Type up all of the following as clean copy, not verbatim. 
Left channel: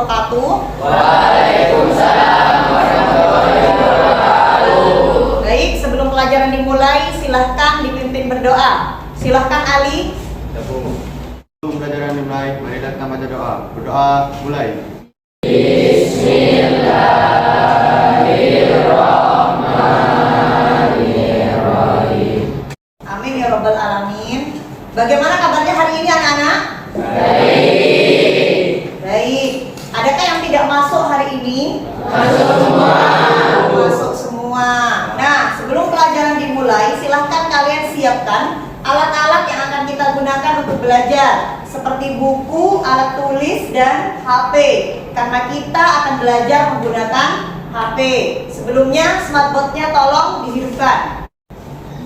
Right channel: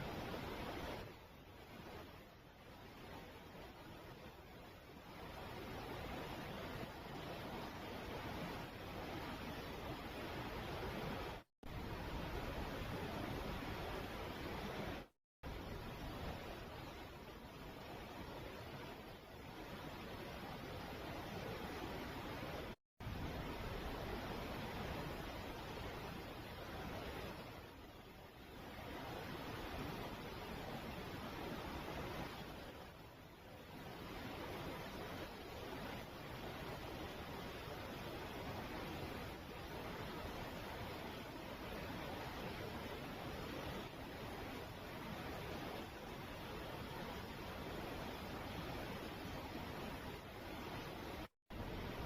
wabarakatuh. Waalaikumsalam warahmatullahi wabarakatuh. Baik, sebelum pelajaran dimulai, silahkan dipimpin berdoa. Silahkan Ali. Sebelum pelajaran dimulai, marilah kita baca doa. Berdoa mulai. Amin ya rabbal alamin. Bagaimana kabarnya hari ini anak-anak? Baik. Adakah yang tidak masuk hari ini? Masuk semua. Nah, sebelum pelajaran dimulai, silahkan kalian siapkan alat-alat yang akan kita gunakan untuk belajar, seperti buku, alat tulis, dan HP. Karena kita akan belajar menggunakan HP. Sebelumnya, smartboard-nya tolong dihidupkan.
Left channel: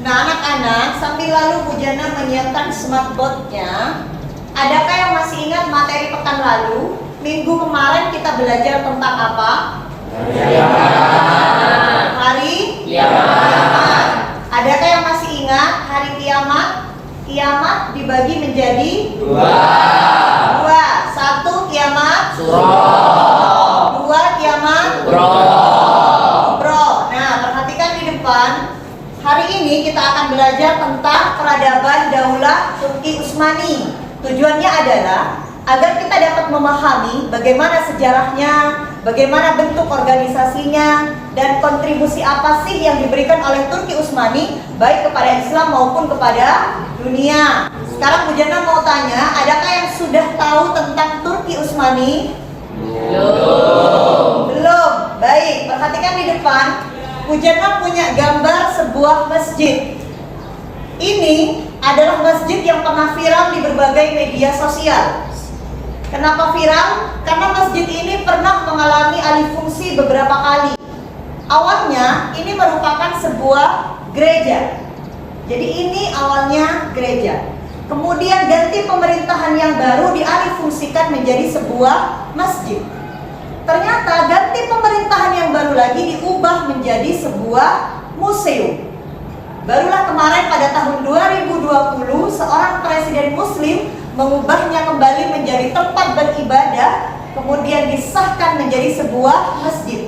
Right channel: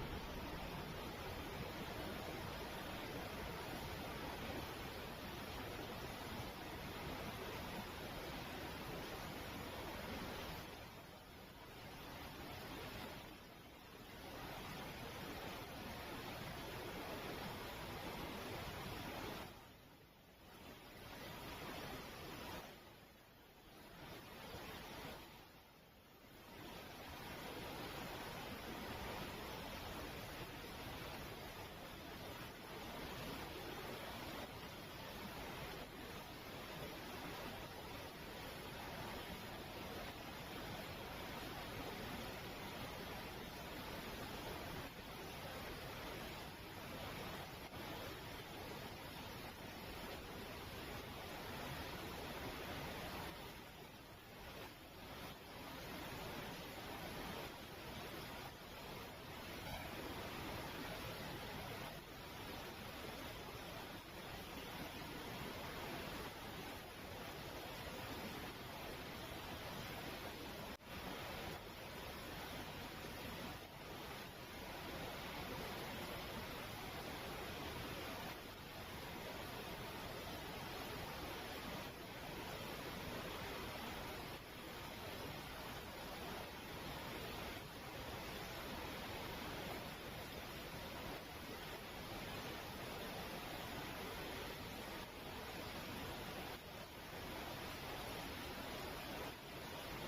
Nah, anak-anak, sambil lalu Bu Jana menyiapkan smartboard-nya, adakah yang masih ingat materi pekan lalu? Minggu kemarin kita belajar tentang apa? Hari kiamat. Adakah yang masih ingat hari kiamat? Kiamat dibagi menjadi dua. Satu kiamat suro. Dua kiamat kubro. Nah, perhatikan di depan. Hari ini kita akan belajar tentang peradaban Daulah Turki Utsmani. Tujuannya adalah agar kita dapat memahami bagaimana sejarahnya, bagaimana bentuk organisasinya, dan kontribusi apa sih yang diberikan oleh Turki Utsmani baik kepada Islam maupun kepada dunia. Sekarang Bu Jana mau tanya, adakah yang sudah tahu tentang Turki Utsmani? Belum. Baik, perhatikan di depan. Bu Jana punya gambar sebuah masjid. Ini adalah masjid yang pernah viral di berbagai media sosial. Kenapa viral? Karena masjid ini pernah mengalami alih fungsi beberapa kali. Awalnya ini merupakan sebuah gereja. Jadi ini awalnya gereja. Kemudian ganti pemerintahan yang baru dialih fungsikan menjadi sebuah masjid. Ternyata ganti pemerintahan yang baru lagi diubah menjadi sebuah museum. Barulah kemarin pada tahun 2020 seorang presiden muslim mengubahnya kembali menjadi tempat beribadah, kemudian disahkan menjadi sebuah masjid.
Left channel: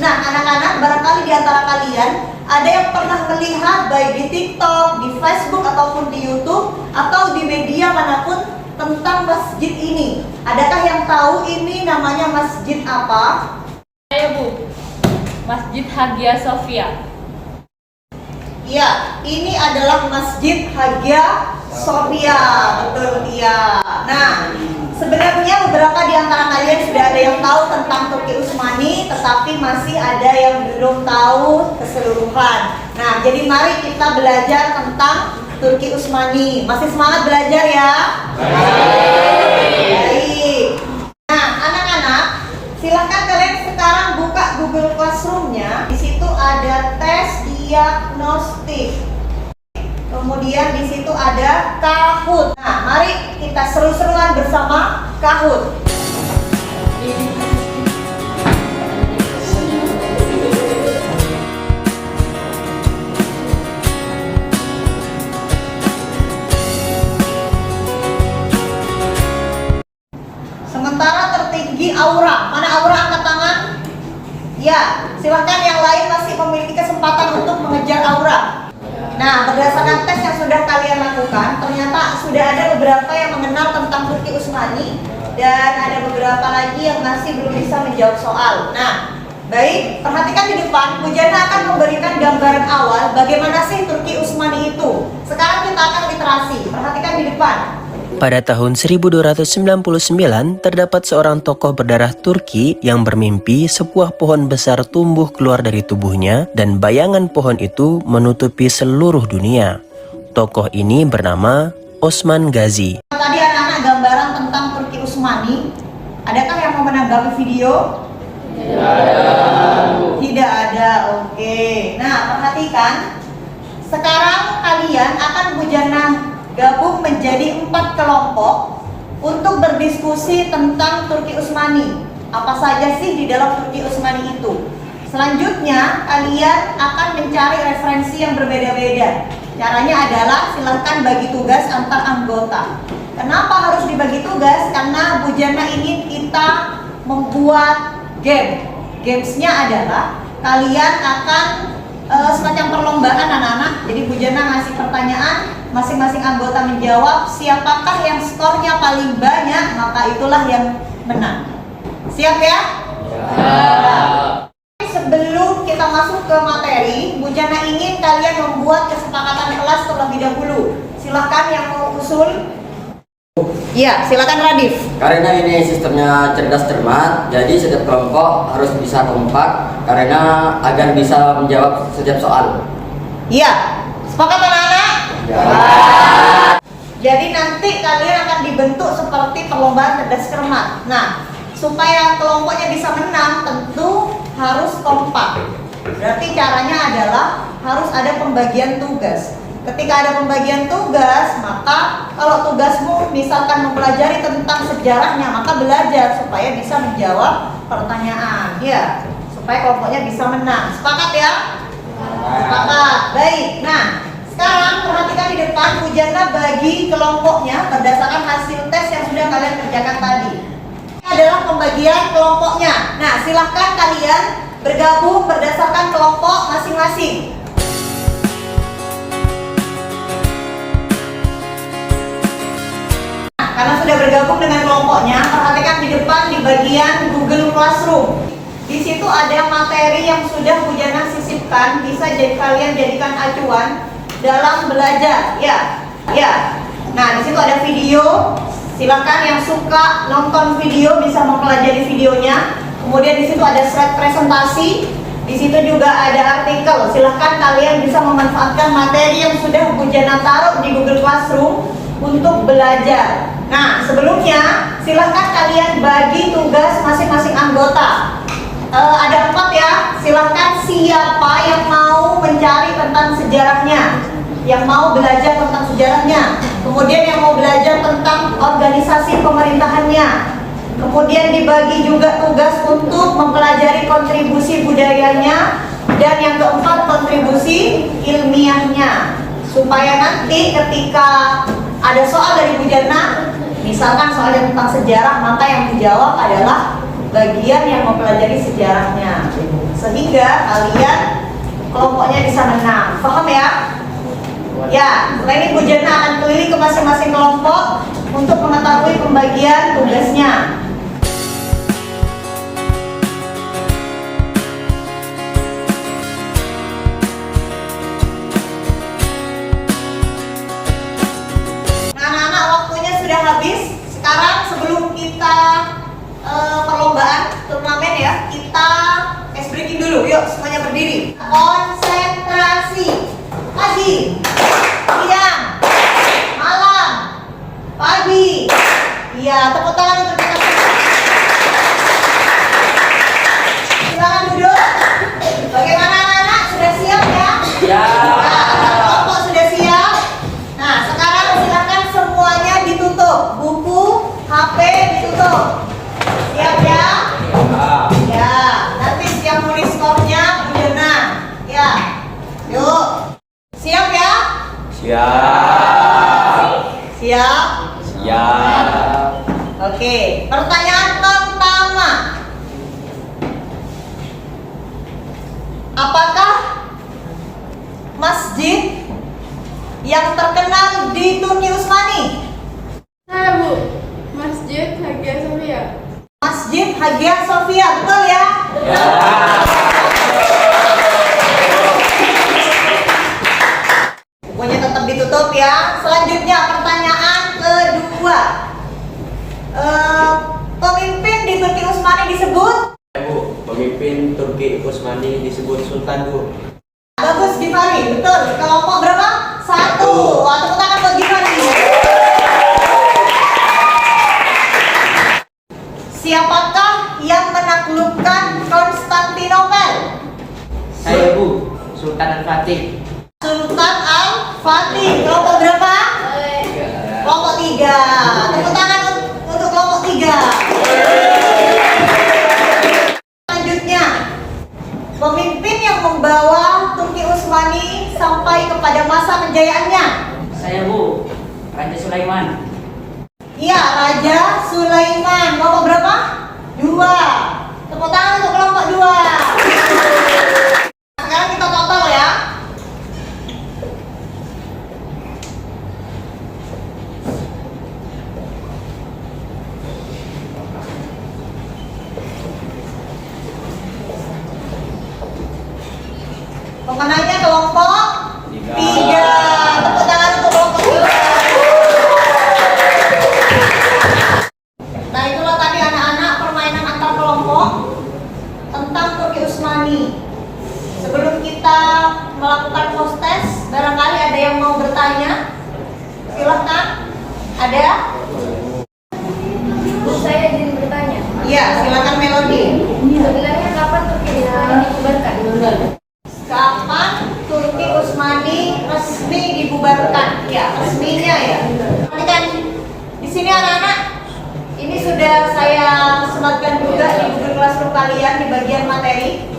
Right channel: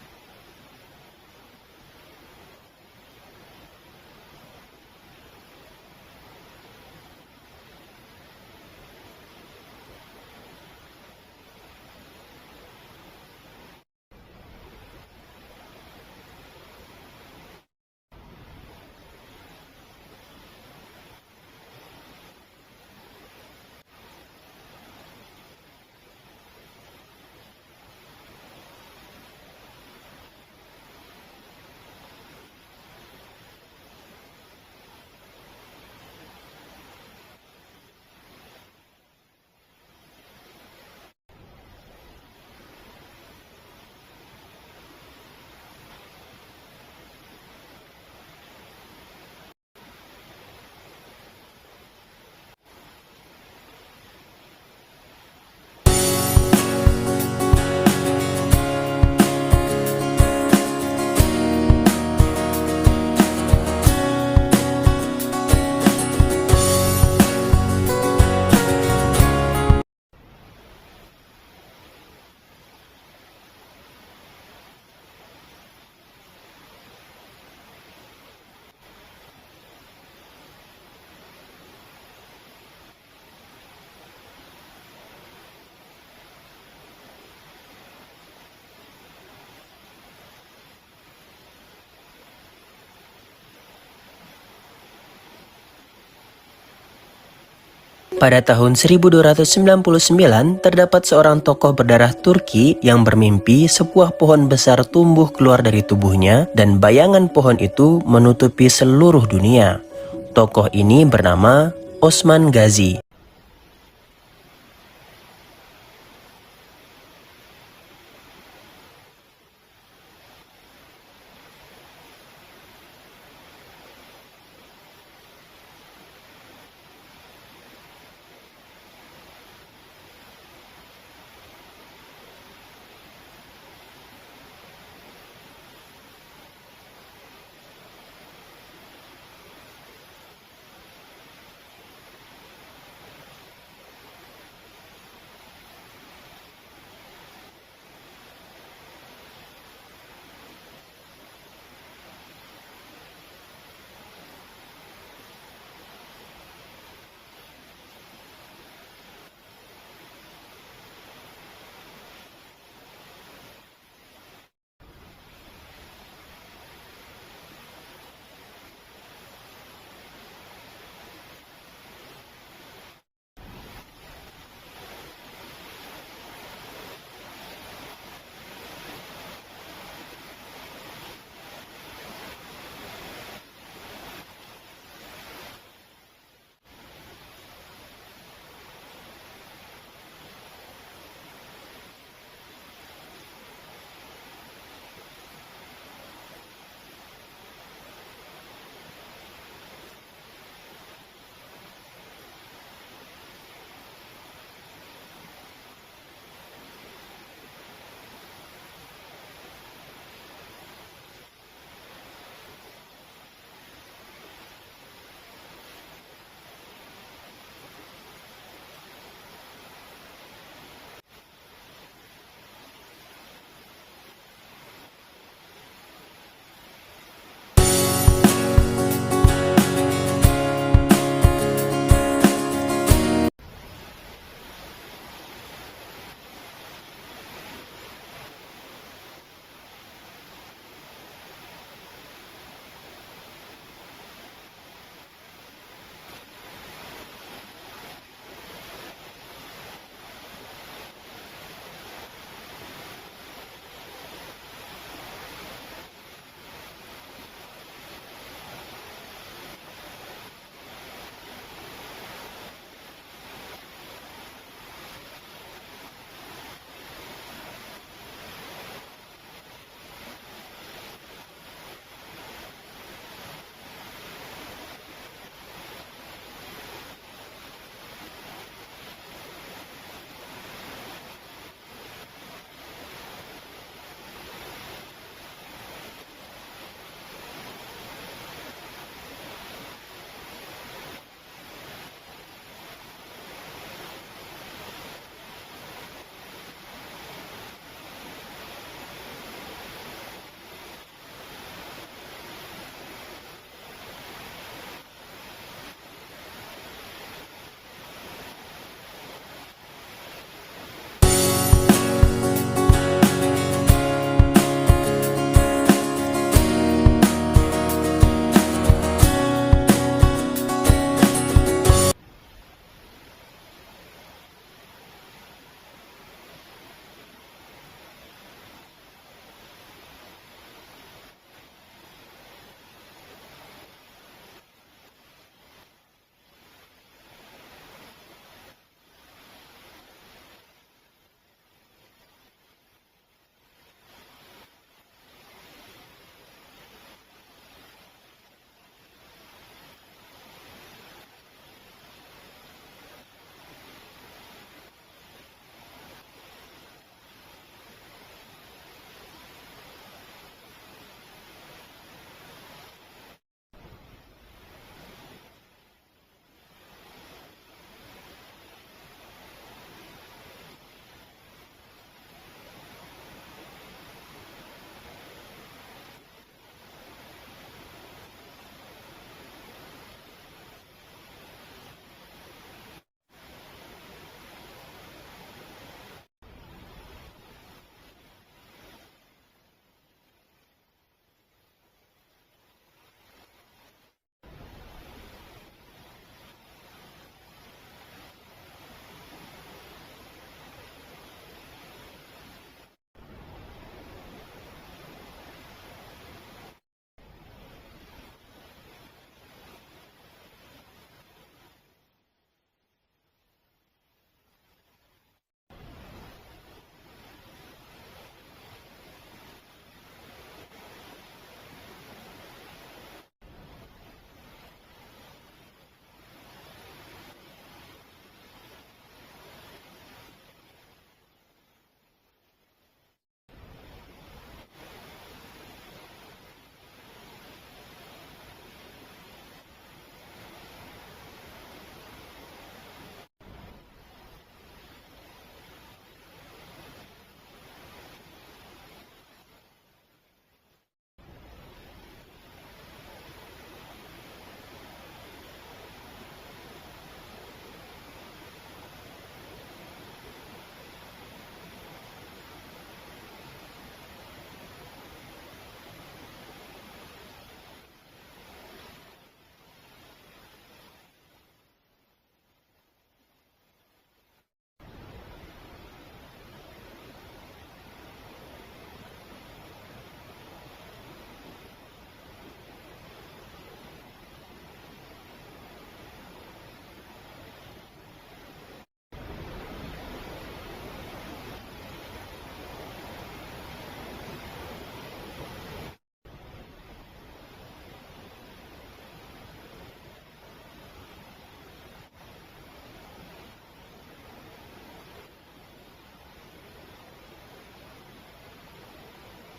Nah, anak-anak, barangkali di antara kalian ada yang pernah melihat baik di TikTok, di Facebook ataupun di YouTube atau di media manapun tentang masjid ini. Adakah yang tahu ini namanya masjid apa? Saya Bu, Masjid Hagia Sophia. Ya, ini adalah Masjid Hagia Sophia. Betul, iya. Nah, sebenarnya beberapa di antara kalian sudah ada yang tahu tentang Turki Utsmani, tetapi masih ada yang belum tahu keseluruhan. Nah, jadi mari kita belajar tentang Turki Utsmani. Masih semangat belajar ya? Baik. Nah, anak-anak, silakan kalian sekarang buka Google Classroom-nya. Di situ ada tes diagnostik. Kemudian di situ ada Kahoot. Nah, mari kita seru-seruan bersama Kahoot. Sementara tertinggi Aura. Mana Aura, angkat tangan? Ya, silahkan yang lain masih memiliki kesempatan untuk mengejar Aura. Nah, berdasarkan tes yang sudah kalian lakukan, ternyata sudah ada beberapa yang mengenal tentang Turki Utsmani dan ada beberapa lagi yang masih belum bisa menjawab soal. Nah, baik, perhatikan di depan. Bu Jana akan memberikan gambaran awal bagaimana sih Turki Utsmani itu. Sekarang kita akan literasi. Perhatikan di depan. Pada tahun 1299, terdapat seorang tokoh berdarah Turki yang bermimpi sebuah pohon besar tumbuh keluar dari tubuhnya dan bayangan pohon itu menutupi seluruh dunia. Tokoh ini bernama Osman Gazi. Tadi anak-anak gambaran tentang Turki Utsmani. Adakah yang mau menanggapi video? Tidak ada. Oke. Nah, perhatikan. Sekarang kalian akan Bu Jana gabung menjadi 4 kelompok untuk berdiskusi tentang Turki Utsmani. Apa saja sih di dalam Turki Utsmani itu? Selanjutnya kalian akan mencari referensi yang berbeda-beda. Caranya adalah silahkan bagi tugas antar anggota. Kenapa harus dibagi tugas? Karena Bu Jana ingin kita membuat game. Gamesnya adalah kalian akan semacam perlombaan anak-anak. Jadi Bu Jana ngasih pertanyaan, masing-masing anggota menjawab, siapakah yang skornya paling banyak, maka itulah yang menang. Siap ya? Sebelum kita masuk ke materi, Bu Jana ingin kalian membuat kesepakatan kelas terlebih dahulu. Silahkan yang mau usul. Iya, silakan Radif. Karena ini sistemnya cerdas cermat, jadi setiap kelompok harus bisa kompak karena agar bisa menjawab setiap soal. Iya, sepakat anak-anak? Ya. Jadi nanti kalian akan dibentuk seperti perlombaan cerdas cermat. Nah, supaya kelompoknya bisa menang, tentu harus kompak. Berarti caranya adalah harus ada pembagian tugas. Ketika ada pembagian tugas, maka kalau tugasmu misalkan mempelajari tentang sejarahnya, maka belajar supaya bisa menjawab pertanyaan, ya, supaya kelompoknya bisa menang. Sepakat ya? Sepakat. Baik. Nah, sekarang perhatikan di depan, Bu Jana bagi kelompoknya berdasarkan hasil tes yang sudah kalian kerjakan tadi. Ini adalah pembagian kelompoknya. Nah, silahkan kalian bergabung berdasarkan kelompok masing-masing. Karena sudah bergabung dengan kelompoknya, perhatikan di depan di bagian Google Classroom. Di situ ada materi yang sudah Bu Jana sisipkan, bisa jadi kalian jadikan acuan dalam belajar. Ya. Nah, di situ ada video. Silakan yang suka nonton video bisa mempelajari videonya. Kemudian di situ ada slide presentasi. Di situ juga ada artikel. Silahkan kalian bisa memanfaatkan materi yang sudah Bu Jana taruh di Google Classroom untuk belajar. Nah, sebelumnya silahkan kalian bagi tugas masing-masing anggota. Ada 4 ya. Silahkan siapa yang mau mencari tentang sejarahnya, yang mau belajar tentang sejarahnya, kemudian yang mau belajar tentang organisasi pemerintahannya. Kemudian dibagi juga tugas untuk mempelajari kontribusi budayanya, dan yang keempat kontribusi ilmiahnya. Supaya nanti ketika ada soal dari Bu Jana, misalkan soal tentang sejarah, maka yang dijawab adalah bagian yang mempelajari sejarahnya, sehingga kalian kelompoknya bisa menang. Paham ya? Ya, setelah ini Bu Jana akan keliling ke masing-masing kelompok untuk mengetahui pembagian tugasnya. Anak-anak, waktunya sudah habis. Sekarang sebelum kita perlombaan turnamen ya, kita ice breaking dulu. Yuk, semuanya berdiri. Konsentrasi. Pagi, siang, malam, pagi. Iya, tepuk tangan untuk kita semua. Silakan duduk. Bagaimana anak-anak? Sudah siap ya? Ya. Kelompok sudah siap. Nah, sekarang silakan semuanya ditutup. Buku, HP ditutup. Siap ya? Ya, nanti siap nulis skornya Bu Jana. Ya. Yuk. Siap ya? Siap. Siap? Siap. Oke, pertanyaan pertama. Apakah masjid yang terkenal di Turki Utsmani? Saya Bu, Masjid Hagia Sophia. Masjid Hagia Sophia, betul ya? Ya. Bukunya tetap ditutup ya. Selanjutnya pertanyaan kedua. Pemimpin di Turki Utsmani disebut? Bu, pemimpin Turki Utsmani disebut Sultan, Bu. Bagus, Gifari, betul. Kelompok berapa? 1. Wah, tepuk tangan buat Gifari. Siapakah yang menaklukkan Konstantinopel? Saya, Bu, Sultan Al-Fatih. Sultan Al-Fatih. Kelompok berapa? Kelompok 3. Tepuk tangan untuk kelompok 3. Selanjutnya, pemimpin yang membawa Turki Utsmani sampai kepada masa kejayaannya. Saya, Bu, Raja Sulaiman. Iya, Raja Sulaiman. Kelompok berapa? 2. 2. Tepuk tangan untuk kelompok 2. Sekarang kita total ya. Pemenangnya kelompok 3. Tepuk tangan untuk kelompok 3. Nah, itulah tadi anak-anak permainan antar kelompok tentang Turki Utsmani. Sebelum kita melakukan post test, barangkali ada yang mau bertanya? Silahkan. Ada? Bu, saya izin bertanya. Iya, silakan Melody. Sebenarnya kapan Turki Utsmani dibubarkan? Kapan Turki Utsmani resmi dibubarkan? Ya, resminya ya. Perhatikan di sini anak-anak, ini sudah saya sematkan juga di Google Classroom kalian di bagian materi.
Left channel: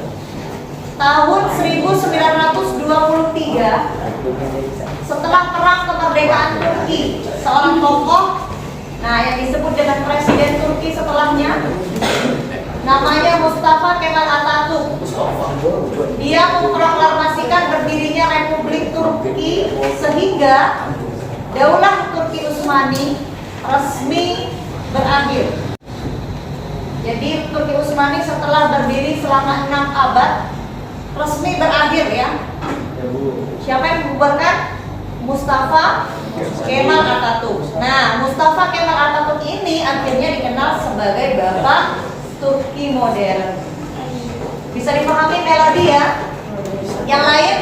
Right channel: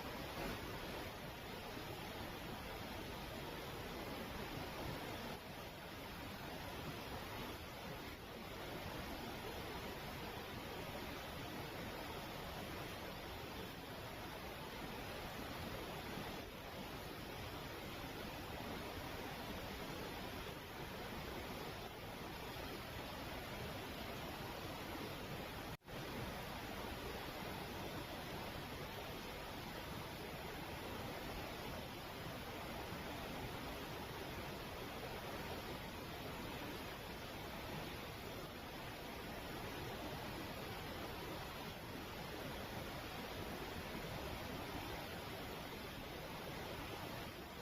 Tahun 1923, setelah perang kemerdekaan Turki, seorang tokoh, nah yang disebut dengan presiden Turki setelahnya, namanya Mustafa Kemal Atatürk. Dia memproklamasikan berdirinya Republik Turki sehingga Daulah Turki Utsmani resmi berakhir. Jadi Turki Utsmani setelah berdiri selama 6 abad resmi berakhir ya. Siapa yang membubarkan? Mustafa Kemal Atatürk. Nah, Mustafa Kemal Atatürk ini akhirnya dikenal sebagai Bapak Turki modern. Bisa dipahami Melody ya? Yang lain?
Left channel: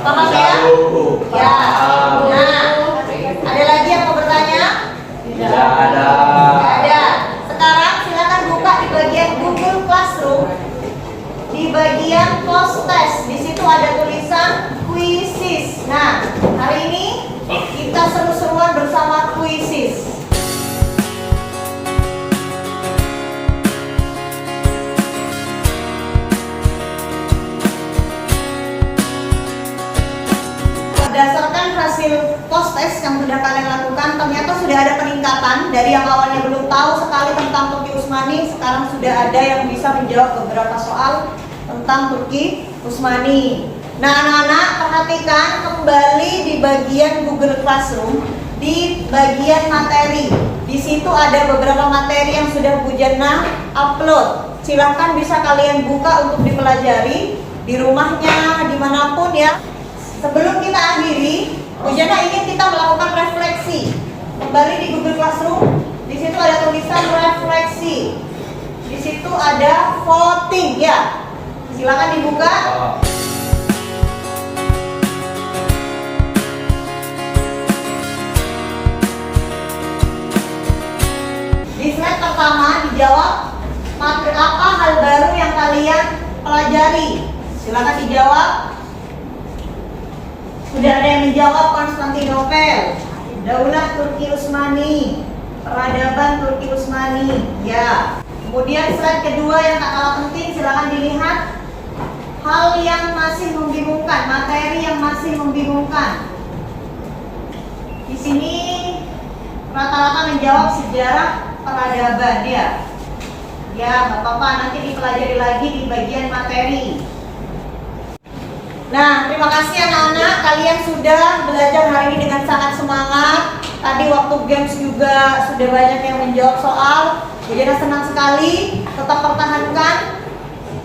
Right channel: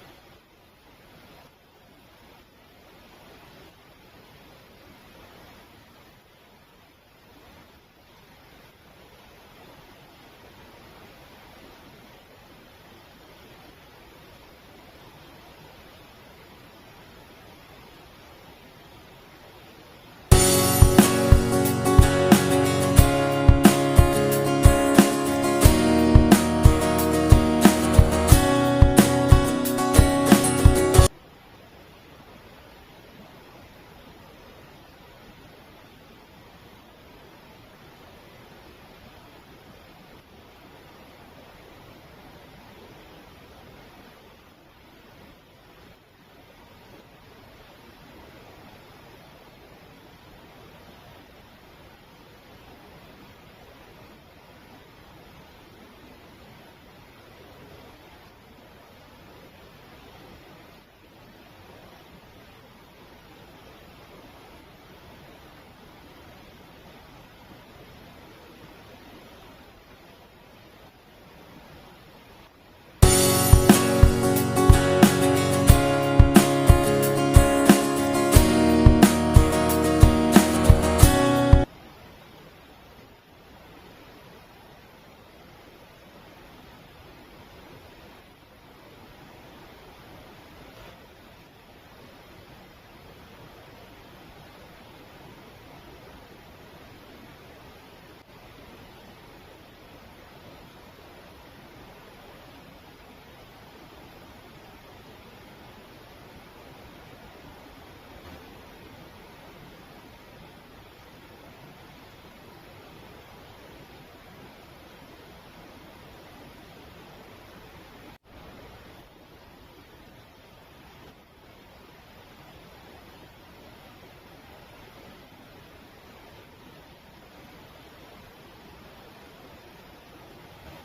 Paham ya? Ya. Nah, ada lagi yang mau bertanya? Tidak ada. Tidak ada. Sekarang silakan buka di bagian Google Classroom. Di bagian post test, di situ ada tulisan quizzes. Nah, hari ini kita seru-seruan bersama quizzes. Berdasarkan hasil post test yang sudah kalian lakukan, ternyata sudah ada peningkatan dari yang awalnya belum tahu sekali tentang Turki Utsmani, sekarang sudah ada yang bisa menjawab beberapa soal tentang Turki Utsmani. Nah, anak-anak perhatikan kembali di bagian Google Classroom, di bagian materi. Di situ ada beberapa materi yang sudah Bu Jannah upload. Silahkan bisa kalian buka untuk dipelajari di rumahnya, dimanapun ya. Sebelum kita akhiri, Bu Jannah ingin kita melakukan refleksi. Kembali di Google Classroom, di situ ada tulisan refleksi. Di situ ada voting ya. Silakan dibuka. Di slide pertama dijawab apa hal baru yang kalian pelajari. Silakan dijawab. Sudah ada yang menjawab Konstantinopel, Daulah Turki Utsmani, peradaban Turki Utsmani. Ya. Kemudian slide kedua yang tak kalah penting, silakan dilihat. Hal yang masih membingungkan, materi yang masih membingungkan. Di sini rata-rata menjawab sejarah peradaban ya. Ya, nggak apa-apa, nanti dipelajari lagi di bagian materi. Nah, terima kasih anak-anak, kalian sudah belajar hari ini dengan sangat semangat. Tadi waktu games juga sudah banyak yang menjawab soal. Jadi senang sekali, tetap pertahankan.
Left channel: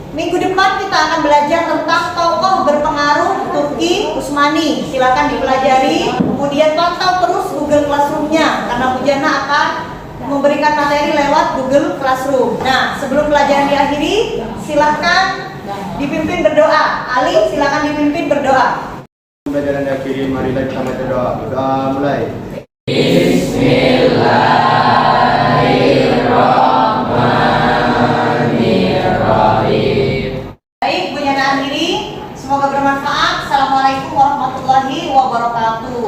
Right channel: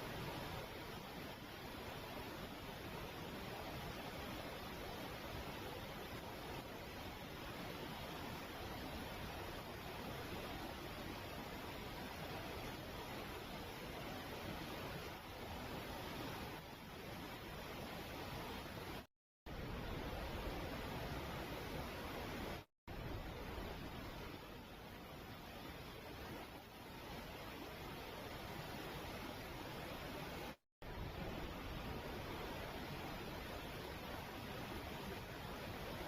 Minggu depan kita akan belajar tentang tokoh berpengaruh Turki Utsmani. Silakan dipelajari. Kemudian pantau terus Google Classroom-nya karena Bu Jannah akan memberikan materi lewat Google Classroom. Nah, sebelum pelajaran diakhiri, silakan dipimpin berdoa. Ali, silakan dipimpin berdoa. Pelajaran diakhiri, marilah kita baca doa. Doa mulai. Baik, Bu Jannah akhiri. Semoga bermanfaat. Assalamualaikum warahmatullahi wabarakatuh.